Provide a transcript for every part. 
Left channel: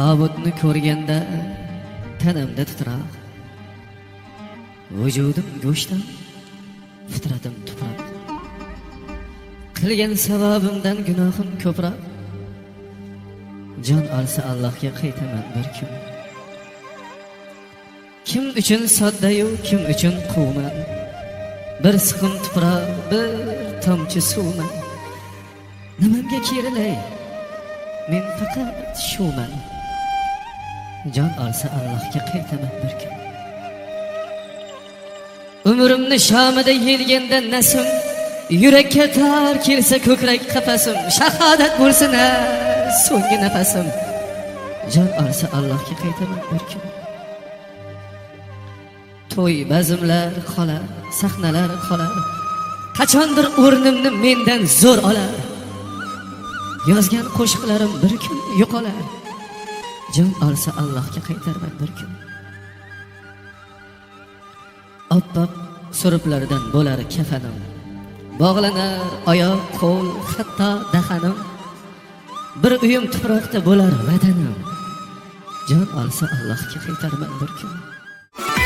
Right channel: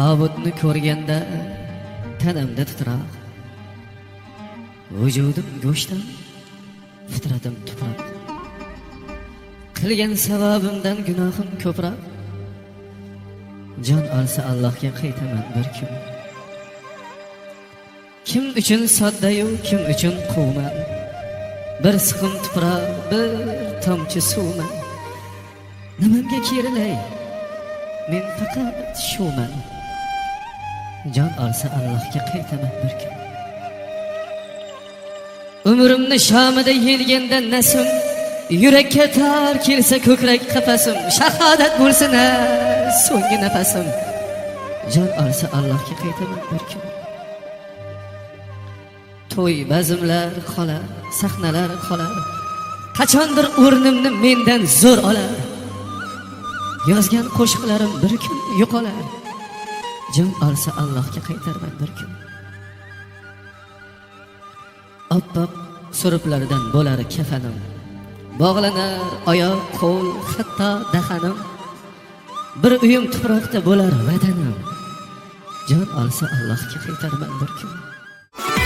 Tobutni ko'rganda tanamda titroq, vujudim go'shtdan, fitratim tuproq. Qilgan sababimdan gunohim ko'proq. Jon olsa Allohga qaytaman bir kun. Kim uchun sodda-yu, kim uchun quvman. Bir siqim tuproq, bir tomchi suvman. Nimamga kerilay? Men faqat shuman. Jon olsa Allohga qaytaman bir kun. Umrimni shomida yelganda nasim, yurakka tor kelsa ko'krak qafasim, shahodat bo'lsin so'nggi nafasim. Jon olsa Allohga qaytaman bir kun. To'y bazmlar qolar, sahnalar qolar. Qachondir o'rnimni mendan zo'r olar. Yozgan qo'shiqlarim bir kun yo'qolar. Jon olsa Allohga qaytarman bir kun. Oppoq suruplardan bo'lar kafanim. Bog'lanar oyoq, qo'l, hatto dahanim. Bir uyim tuproqda bo'lar vatanim. Jon olsa Allohga qaytarman bir kun.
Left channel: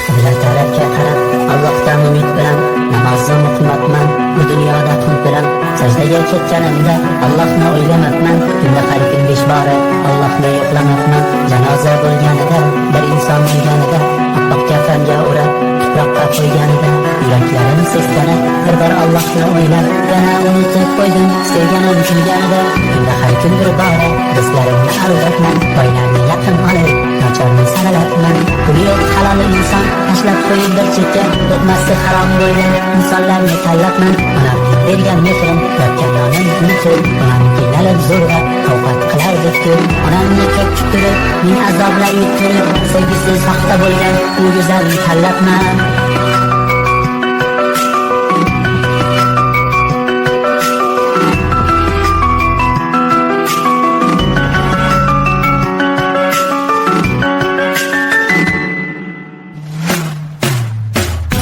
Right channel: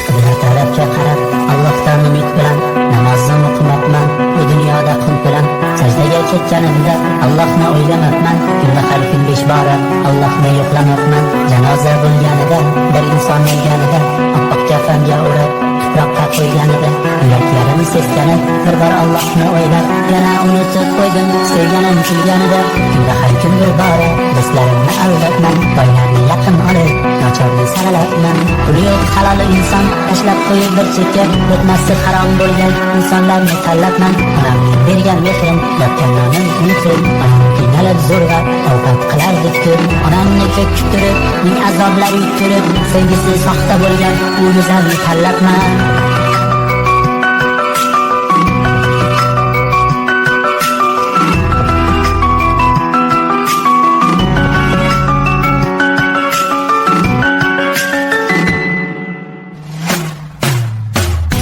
Qibla tarafga qarab Allohdan umid bilan namozim o'qimayman, bu dunyoda qunt bilan sajdaga ketganimda Allohni o'ylamabman, kunda har kun 5 bora Allohni yo'qlamabman. Janoza bo'lganida, bir inson o'lganida, oppoq kafanga o'rab tuproqqa qo'yganida, yuraklarim seskanib, bir bor Allohni o'ylab, yana unutib qo'ydim sevganim kulganida. Kunda har kun bir bora do'stlarimni aldatman, boylarni yaqin olib, nochorni saralabman. Puli yo'q halol inson tashlab qo'yib bir chekka, luqmasi harom bo'lgan insonlarni tanlabman. Onamning bergan mehrin, yotgan nonim unutib, onam qiynalib zo'rg'a ovqat qilardik ko'p. Onamni ko'p kuttirib, ming azoblar yuttirib, sevgisi soxta bo'lgan u go'zalni tanlabman.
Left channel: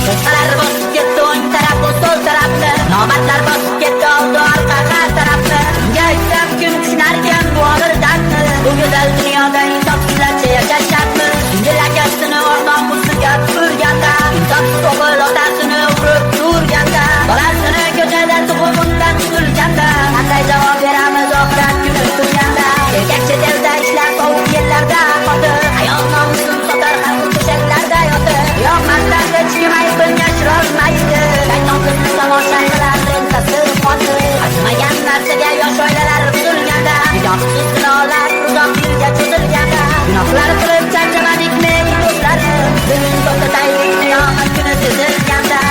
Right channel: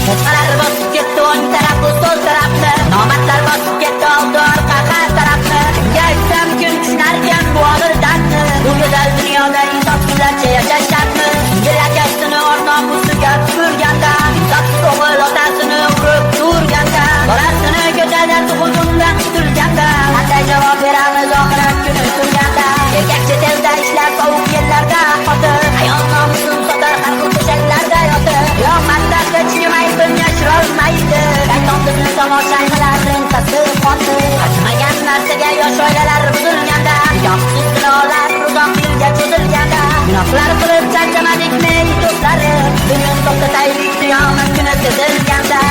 Qizlar bosib ketdi o'ng taraf va so'l tarafni, nomardlar bosib ketdi oldi orqa har tarafni. Kimga aytsam kim tushunarkan bu og'ir dardni, bu go'zal dunyoda insofsizlarcha yashash shartmi? Singil akasini or-nomusiga tupurganda, insofsiz o'g'il otasini urib turganda, bolasini ko'chada tug'ib undan qutulganda, qanday javob beramiz oxirat kuni turganda? Erkak chet elda ishlar sovuq yillarda qotib, ayol nomusin sotar har xil to'shaklarda yotib, qiyomatdan hech kim aybini yashirolmaydi. Shayton bizni tomosha qilar ensasi qotib, arzimagan narsaga yosh oilalar buzilganda, nikohsiz zinolar uzoq yilga cho'zilganda, gunohlar qilib charchamadikmi do'stlarim, bugun to'xtataylik qiyomat kuni sezilganda.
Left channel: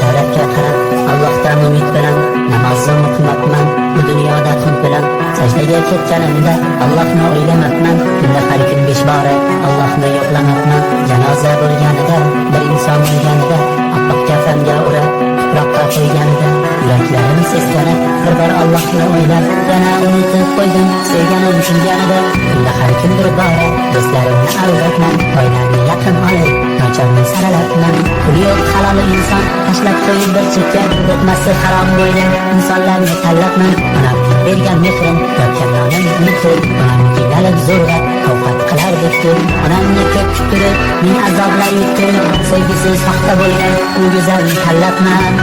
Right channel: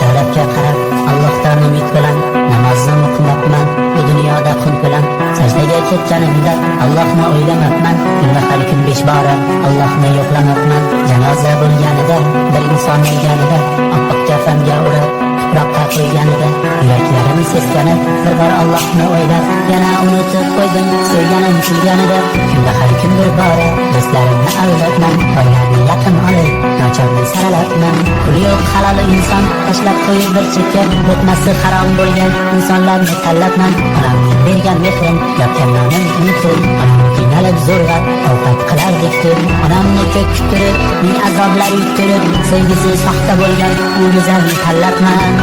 Tarafga qarab Allohdan umid bilan namozim o'qimayman, bu dunyoda qunt bilan sajdaga ketganimda Allohni o'ylamabman, kunda har kun 5 bora Allohni yo'qlamabman. Janoza bo'lganida, bir inson o'lganida, oppoq kafanga o'rab tuproqqa qo'yganida, yuraklarim seskanib, bir bor Allohni o'ylab, yana unutib qo'ydim sevganim kulganida. Kunda har kun bir bora do'stlarimni aldatman, boylarni yaqin olib, nochorni saralabman. Puli yo'q halol inson tashlab qo'yib bir chekka, luqmasi harom bo'lgan insonlarni tanlabman. Onamning bergan mehrin, yotgan nonim unutib, onam qiynalib zo'rg'a ovqat qilardik ko'p. Onamni ko'p kuttirib, ming azoblar yuttirib, sevgisi soxta bo'lgan u go'zalni tanlabman.